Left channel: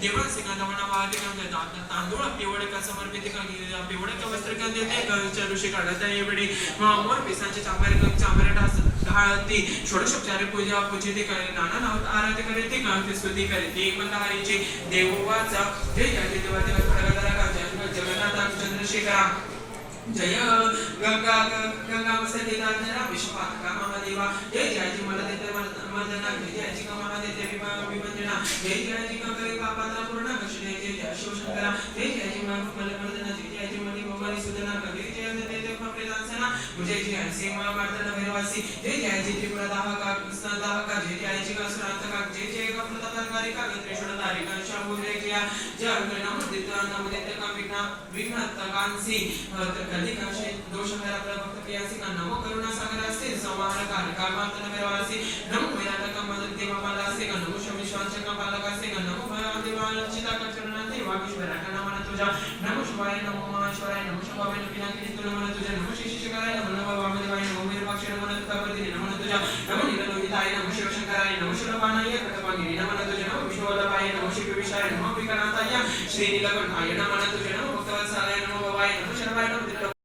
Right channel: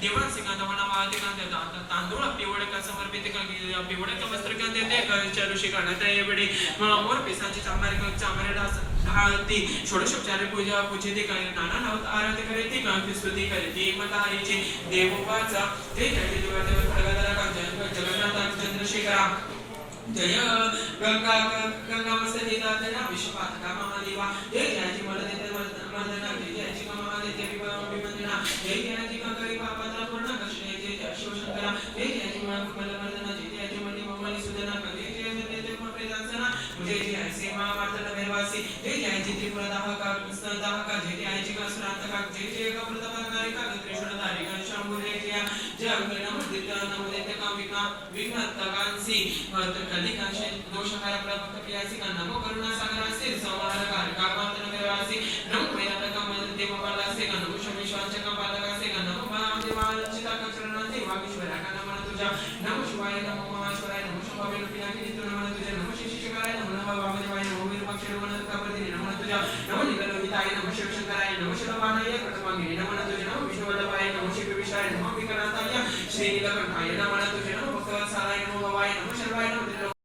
देवांचे कांदवणा वाहते कांदा तांदूळ पिवळ का समर्पित का पिवळ का वस्त्र का देते ऋषी करण्यात यावेळी मोर पिसाचे चांबर ढाळती षोडशोपचारे पूजा पूजिते नाना नावात आराधना करते का स्तुती करते मंदारीची देवोवाचा जय जय देवाचे प्रगदारा का जगन्नाथ चंद्रशेखरा जय गंगा गंगा मस्तकेता जरा विश्वपातका महादेवा जय जय मला देते मर्दना जय जय मला देते विवंदना जय जय कंकरी पापाला पूर्ण कष्णे जय शिवशंकरा जय जय मला मर्दना जय जय मनी भवानी सुदना कवी जय देते प्रेदांसना जय जय सीमा मार्दना भैरवासी जय जय त्रिपुरा दाहका दाहका जय जय जिका सुरांतका जय जय प्रतापकारी का त्रिशूलधारी का शांभु जय जय जय नमो देते का विघ्नतकांसी कलिकाशे दोषहारा प्रभक्त प्रियासी का नमो करुणा सागरासे संहारकार कामांतन करवासी नमो वेदांतका मदन देव पालासे का नमो शमिश्वांचका पालकासे का नमो महादेवांचिता का चरणासे वागीश्वरा का नमः तुझा नमो शिवाय नमो महेश्वराय नमो शंभवे पिनाकी नमः तुझा नमो शिशिकराय नमो वामदेवाय नमो वीरपक्षे नमः तुकावर्तिने नमः तुझा नमो नीललोहिताय नमो शिवशंकराय नमो शिवबाणाय कृतवांगिनी नमः तुझा नमो विश्ववल्लभाय नमो शिवविशाय नमो विकनाथाय श्रीनीलकंठाय नमः तुझा नमो भक्तवत्सलाय नमो भवाय नमो शर्वाय नमो